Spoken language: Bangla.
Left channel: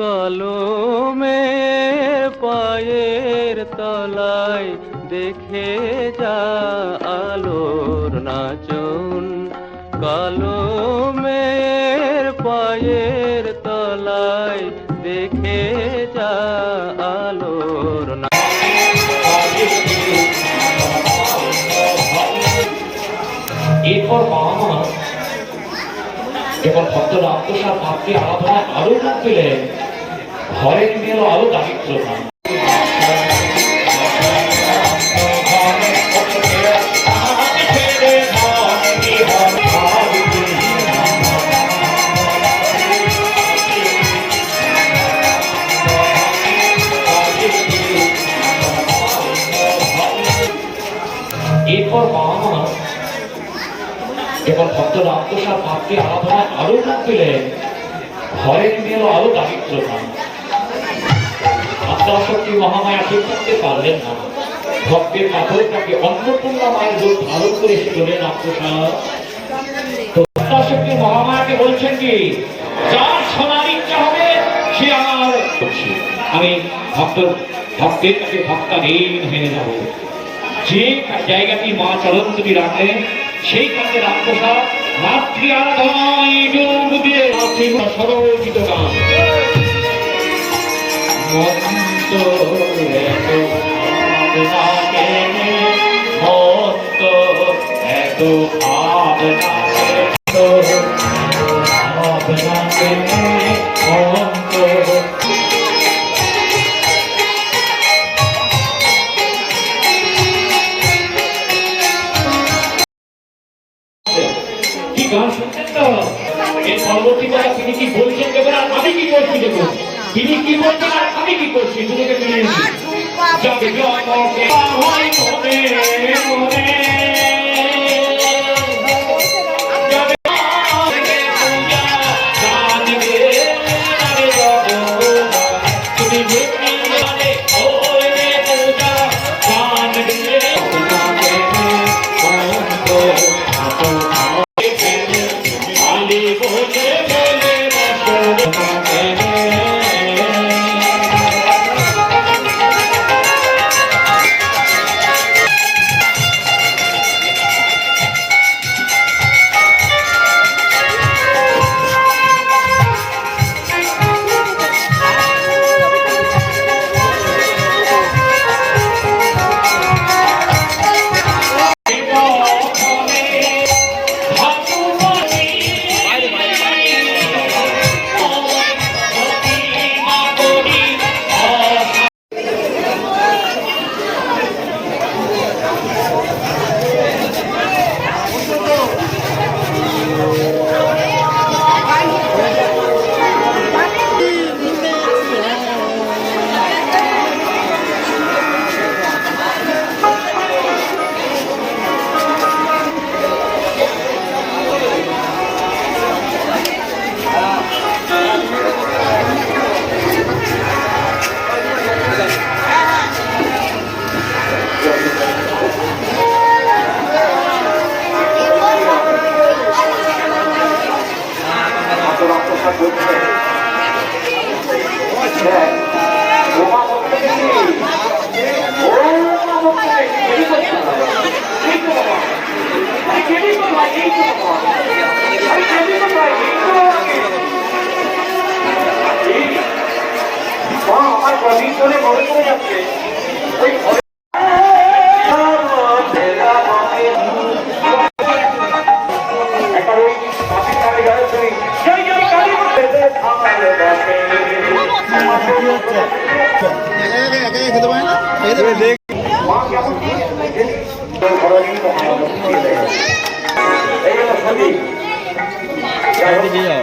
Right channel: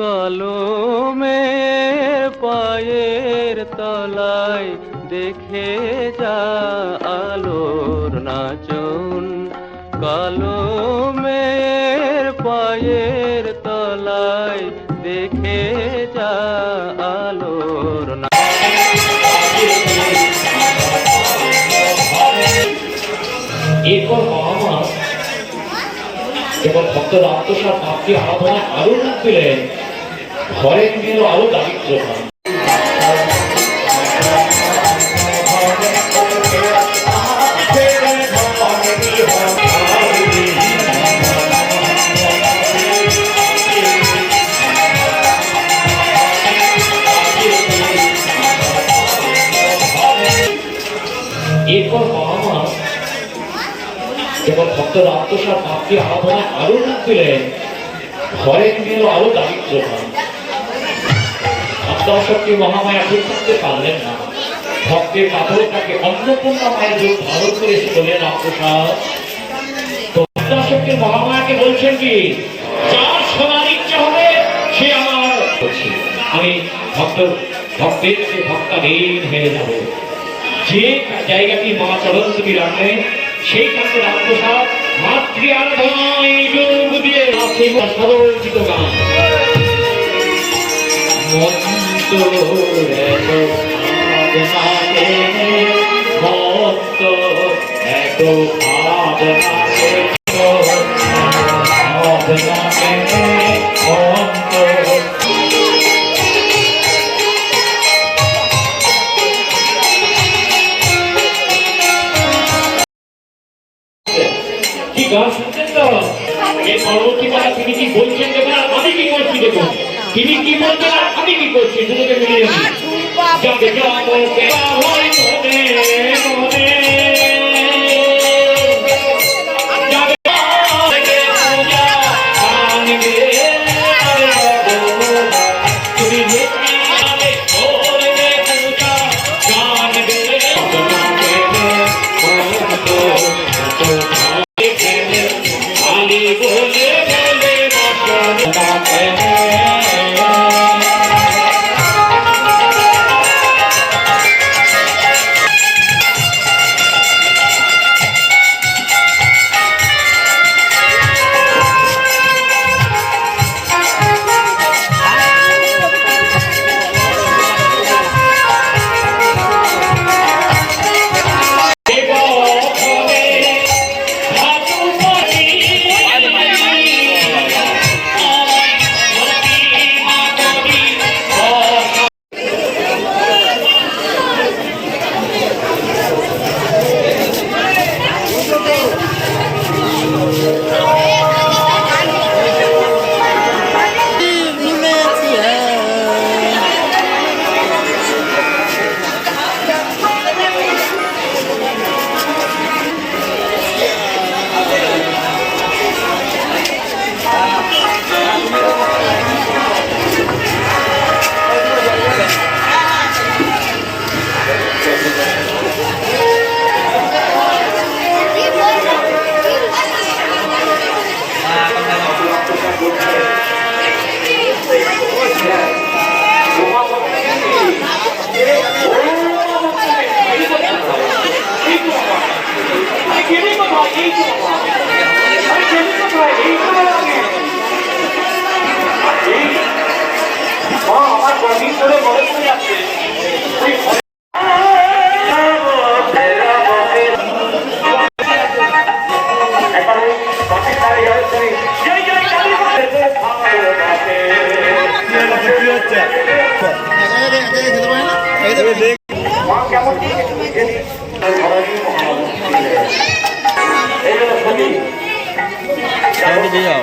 কলমের পায়ের তলায় দেখে যা আলোর নাচন, কলমের পায়ের তলায় দেখে যা আলোর এরপর মা এবং ভক্তর আত্মসার ভক্তির আরাধনায় আরো মুখ পেলেন, ঘরে মেয়েরও আরো দারিদ্র হয়। এরপর মা এবং ভক্তর আত্মসার ভক্তির আরাধনায় আরো মুখ পেলেন, ঘরে মেয়েরও আরো দারিদ্র হয়। আত্মাশক্তি মহামায়া ঠিক করতে পারলেন না, ভক্তের কাতরটাকে অন্নপূর্ণা মায়ের রূপ ধারণ করে এসে বললেন আত্মসার। তো আত্মাশক্তি মহামায়াকে বলছেন কি, যার শোনার ইচ্ছা হবে সে আমার, আমি ভক্তের কাছে ভক্তাধীন হয়ে যাব। যে জায়গাটি মা চরণী রাখলেন সেই কাছে আত্মসার মাতৃ আরাধনায় যোগ দিয়ে সরল গীত গান। ভক্ত এত কি গান শুনছেন তো? এই পরবর্তী কথা তিনি কি বলছেন দেখুন, আর আমি কি করছি দেখুন, তিনি কি বলছেন আর আমি কি করছি দুটোকে মিলিয়ে যাবে যাও